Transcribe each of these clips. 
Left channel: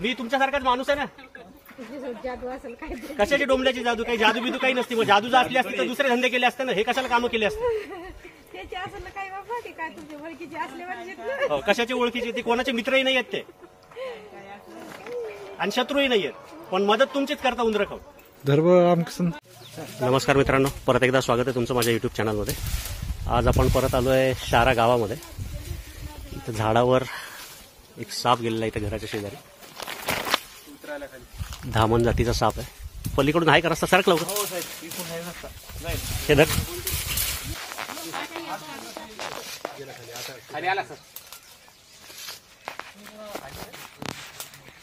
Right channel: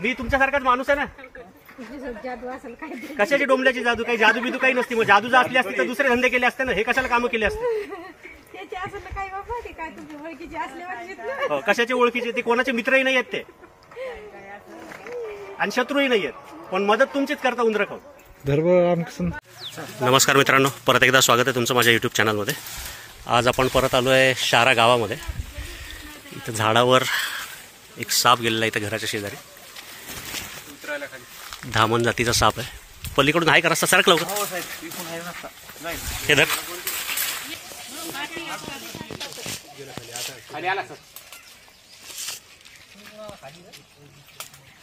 मी तुमच्यासारखाच माणूस आहे ना. कशाची डोंबल्याची जादू? काही जादू बिदू काही नसती. मग जादू जर असली असती तर दुसरे धंदे केले असते ना. हे कशाला कामं केले असते? हो, कशाचे ओळखीचे? ते कोणाचे मित्रही नाही आहेत ते आणि शत्रूही नाही आहेत, पण मदत तुमचीच करता उंदर खाऊन. नमस्कार मित्रांनो, परत एकदा स्वागत आहे तुमचं माझ्या यूट्यूब चॅनलमध्ये. आज आपण परत आलो आहे शारा गावामध्ये. इथं झाडावर एक साप गेलेला आहे. इथं घराच्या शेजारी धामण जातीचा साप आहे. पलीकडून आहे का रस्ता? सरक लवकर. हे धर.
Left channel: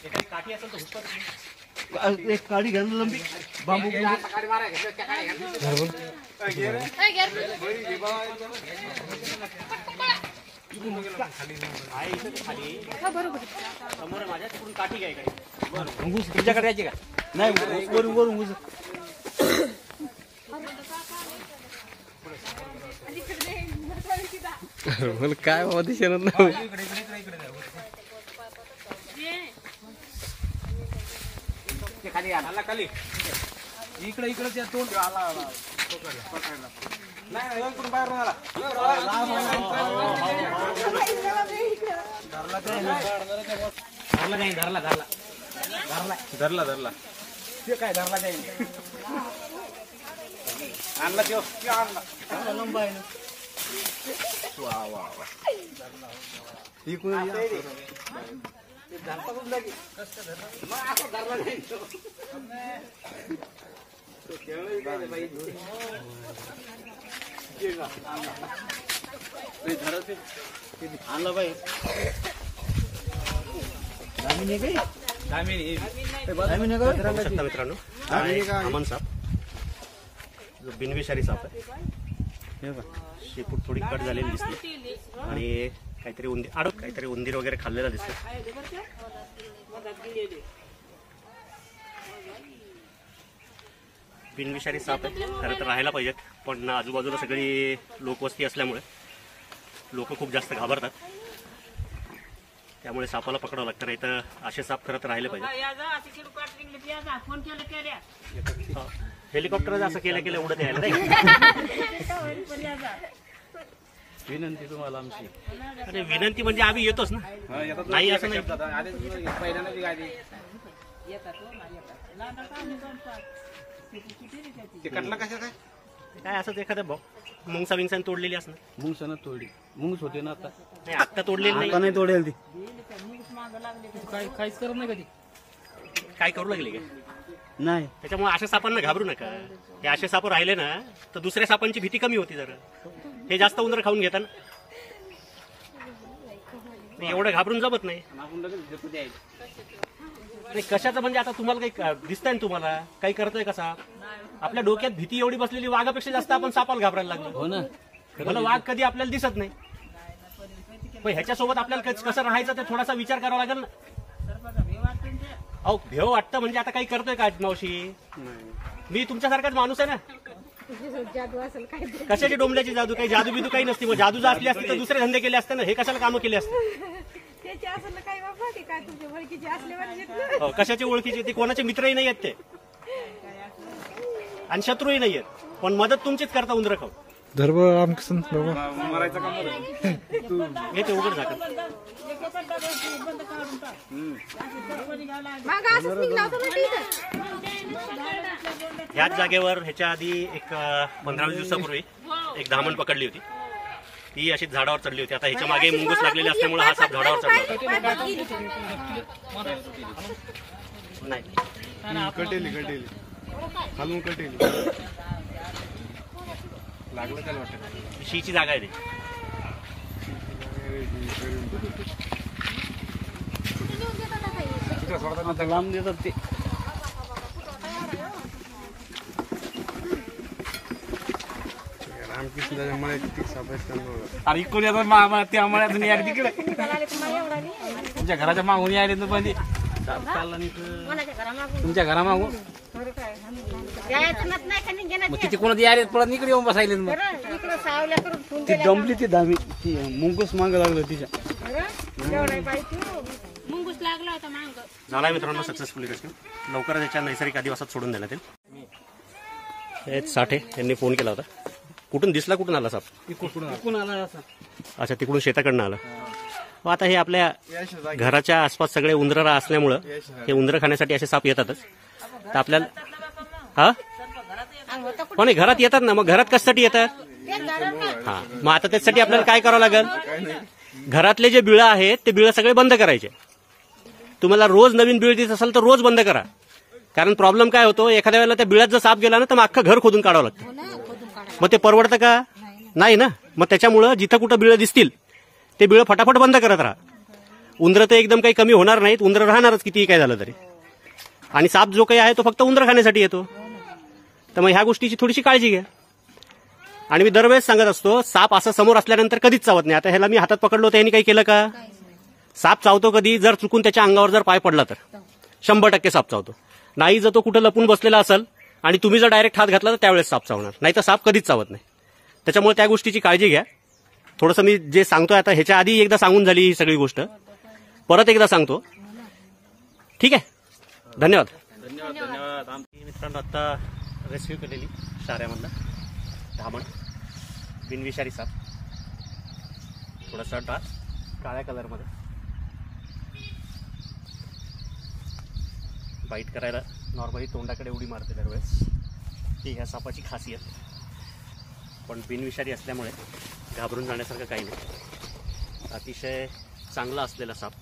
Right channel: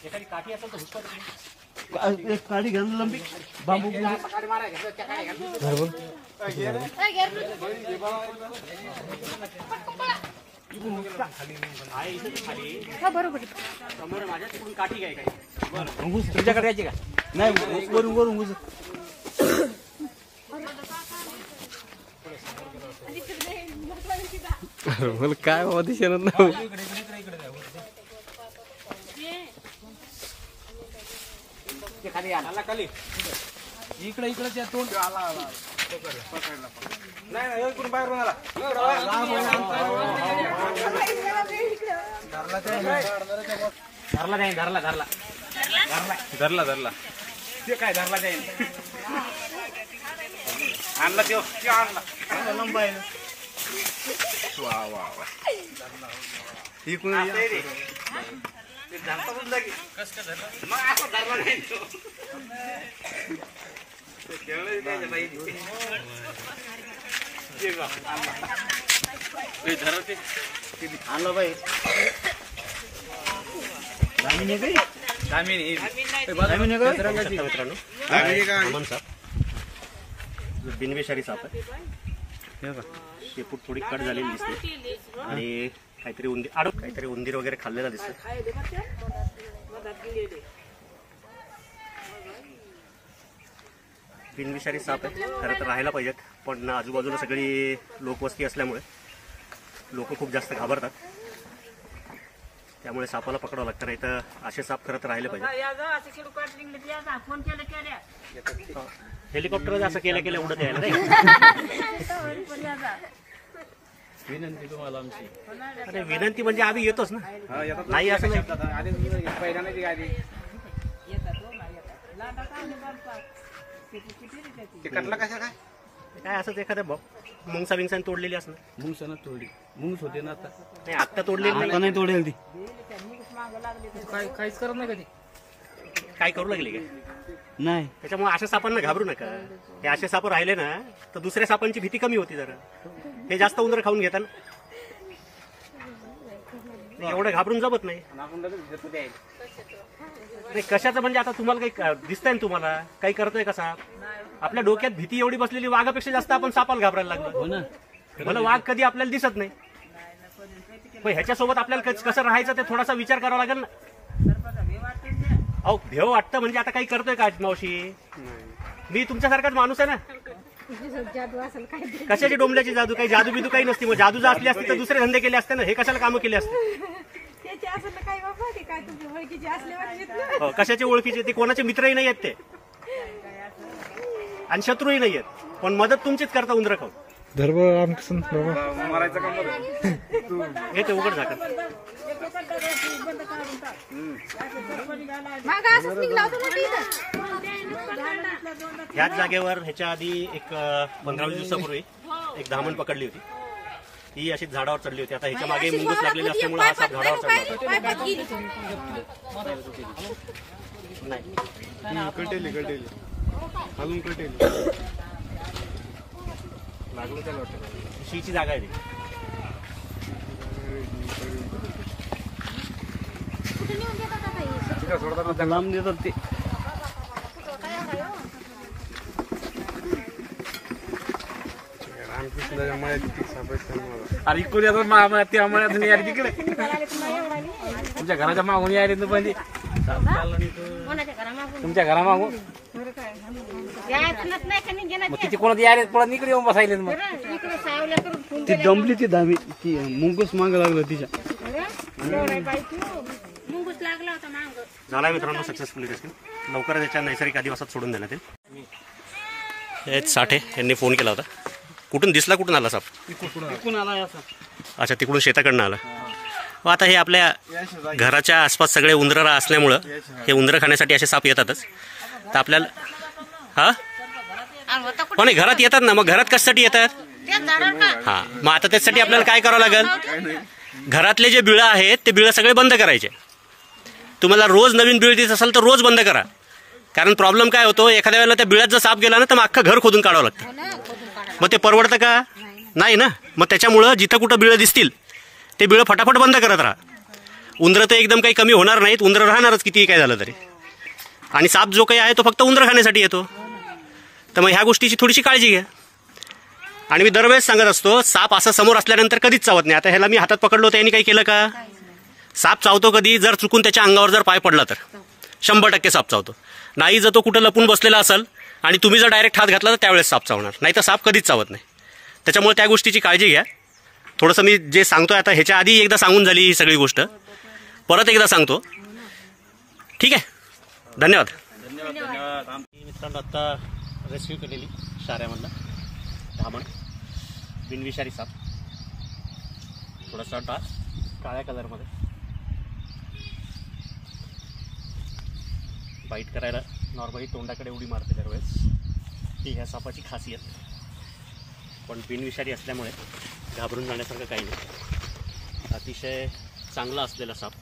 एखादी काठी असेल तर हुसका एक काठी घ्या लंबी बांबू समोर माझ्या तिकडून काठी घ्याय काय तुमच्याकडे यायची का? नाही, वरून वरून बोल काय बाबा दिसेना ना. खाली आला खाली इकडे इकडे त्या तोंड नाही इकडून बाहेर धरला नाही. धरला धरला धरला धरला धरला ते काय धरला जाईल. आणला तो आणला लंबा आहे. वा वा वा इकडून मग असं धरला नाही तो. आणलं बाई मित्रांनो, अमन साप बिनविषारी साप आहे. शेपूट थोडी कट झालेली दिसते आणि काहीतरी उंदीर वगैरे खाल्लेला दिसतो. बिनविषारी साप आहे. खरं तर राहायला पाहिजेत, पण आजूबाजूला सगळी लोकवस्ती असल्यामुळे लोक खूप जास्त घाबरतात. त्यामुळे सापाला पकडावं लागतं. नाही तर असे साप खरं तर राहिले पाहिजे. हेलिकॉप्टर असं केलं उडत यायला नाही. विनंती तुम्हाला आमची. अरे विनंती म्हणजे आम्ही येतोच ना. नाही असं नाही. काय असंच एखाद्या मुंगसा विंगसा तोडलेली असं. मुंगसानं तोडली. मुंगस होते ना आता. नाही आता तोडलेली नाही तोडेल ती. काहीच करत नाही कधी. काय करू लागले का? नाही. त्याच्यामुळे अशा सापांना घाबरू नका. हे असे साप राहिले ना तर दुसऱ्या सापांची भीती कमी होती जरा. हे जास्त उंदर खाऊन घेतात. एवढं घाबरून जमत नाही. कशाचं म्हणजे आता तुम्हाला काही दिसतंय ना? तुम्हाला काही करतोय का साप? आपल्या डोक्यात भीती एवढी बसलेली, वाघापेक्षा जास्त आपण सापाला घाबरायला लागलो. हो ना. मला वाघ कधी आपल्याला दिसत नाही, पण ह्याच्यासोबत आपल्याला कसं राहायचं ते थोडासा विचार करावा लागेल ना. अहो भेव वाटतं म्हणजे आता काही करतोय का मावशी? मी तुमच्यासारखाच माणूस आहे ना. कशाची डोंबल्याची जादू? काही जादू बिदू काही नसती. मग जादू जर असली असती तर दुसरे धंदे केले असते ना. हे कशाला कामं केले असते? हो, कशाचे ओळखीचे? ते कोणाचे मित्रही नाही आहेत ते आणि शत्रूही नाही आहेत, पण मदत तुमचीच करता उंदर खाऊन. घेते उघड झाकण. ह्याच जागेवर ह्याच्या आधी एक 15-20 दिवसापूर्वी एक धामण पकडली होती. ती अशीच झाडावर चढली होती. आता ह्याच्या मागे मुंगूस लागलेले असल्यामुळे हा साप झाडावर चढला होता. नाही लागलं त्याला वाटतं. शीची जागा आहे ती. लांब देतात ते. रामकृष्णाच्या मळ्याची अरे इकडे येतात त्या मळ्यातून यायला तिकडे. तुमच्या घराच्या मागून यायला तर पण तुमच्या घरामागून मग किती कोणाची यायला पडत इकडे येऊन बसायले. मग ती दमली ती धामी ती मुंगूस माग लागलं तिच्या. लागला होता मांग. झाला मित्रांनो सक्सेसफुली रेस्क्यू. लवकरच याच्या नैसर्गिक आदिवासात सोडून देण्यात येईल. हेच साठे यांनी फोन केला होता. कुठून दिसला, कुठून आला साप? इकडून आला असं. अच्छा, तिकडून शेताकडनं आला. मग आता हे आपल्या घराच्या आसपास सगळे उंदरं असल्यामुळं हे उंदरं खाण्यासाठी असे साप येतातच. तर आपल्याला हा हो नाही, घरात येतात ना, मग घरात कशासाठी येतात? हां, मग आता त्याच्यासाठी आपल्याला काय करावं लागेल? घरातले जे बिळं आहेत ते बिळं सगळे बंद करायचे. तुम्हाला रोज नवीन बिळ देत असाल तर रोज बंद करा. कारण प्रॉब्लेम काय होतो, एखाद्या वेळेला त्या बिळात जर साप गेला ना तर मग अख्खं घर खोदून काढावं लागतं. मग ते परवडतं का? नाही ना. मग त्याच्यामुळं जिथं कुठं बिळं दिसतील ते बिळं फटाफट बंद करत राहा. उंदरं तर एकदम काही कमी होणार नाहीत, उंदरं राहणारच कितीही काय झालं तरी. आणि साप जो काही आहे तो फक्त उंदरं खाण्यासाठी येतो. तर मग ह्या गोष्टीची थोडीशी काळजी घ्या. आणि मी दरवेळेस सांगत असतो, साप असं समोर असल्यानंतर कधीच चावत नाही. आता ह्याला मी हातात पकडलो तर यांनी काही केलं का? साप चावतो कधी? जर चुकून त्याच्या अंगावर जर पाय पडला तर 100% साप चावतो. नाही जर तो कुठं लपून बसलेला असेल आणि तुम्ही जर डायरेक्ट हात घातला तर त्यावेळेस साप चावणार, नाही तर साप कधीच चावत नाही. त्याच्यामुळे त्या गोष्टीची काळजी घ्या. थोडंसं मी जे सांगतोय आता ह्याच्या आधी एकदा सांगून झाली ही सगळी गोष्ट, परत एकदा सांगतो. ठीक आहे, धन्यवाद. मित्रांनो, आता रेस्क्यू केलेली शाऱ्यामधला धामण बिनविषारी साप, थोडासा डार्क काळ्या कलरमध्ये, बाईट करायला नॉर्मली तोंडाकडे उडी मारते दरवेळेस. ही ह्या सापाची खासियत. पण बिनविषारी असल्यामुळे घाबरून जाण्यासारखं काही नाही. अतिशय चांगला असलेला साप,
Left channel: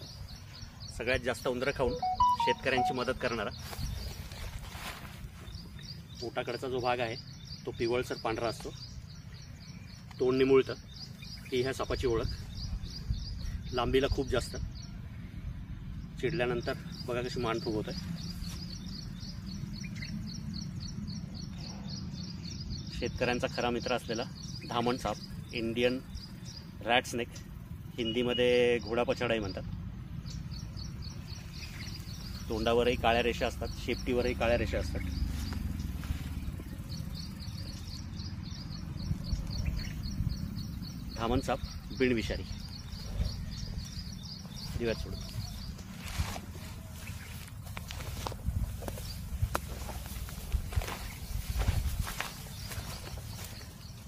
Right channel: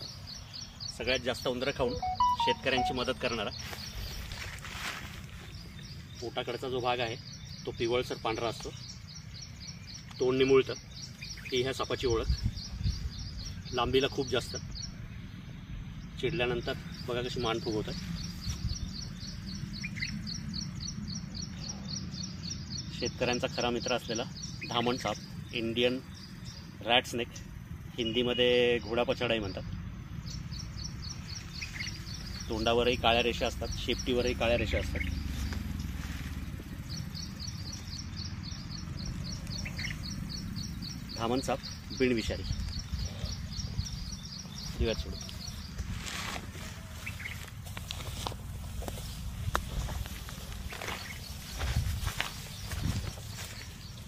सगळ्यात जास्त उंदरं खाऊन शेतकऱ्यांची मदत करणारा. पोटाकडचा जो भाग आहे तो पिवळसर पांढरा असतो, तोंड निमुळतं. ही ह्या सापाची ओळख. लांबीला खूप जास्त, चिडल्यानंतर बघा कशी मान फुगवत आहे. शेतकऱ्यांचा खरा मित्र असलेला धामण साप, इंडियन रॅट स्नेक, हिंदीमध्ये घोडा पछाडाही म्हणतात. तोंडावरही काळ्या रेषा असतात, शेपटीवरही काळ्या रेषा असतात. धामण साप बिनविषारी. दिव्यात सोडून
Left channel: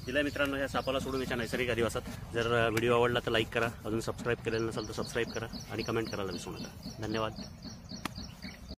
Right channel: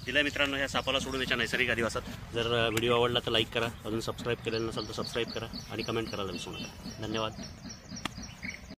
दिला मित्रांनो ह्या सापाला सोडून याच्या नैसर्गिक आदिवासात. जर व्हिडिओ आवडला तर लाईक करा, अजून सबस्क्राईब केलेलं नसेल तर सबस्क्राईब करा आणि कमेंट करायला विसरू नका. धन्यवाद.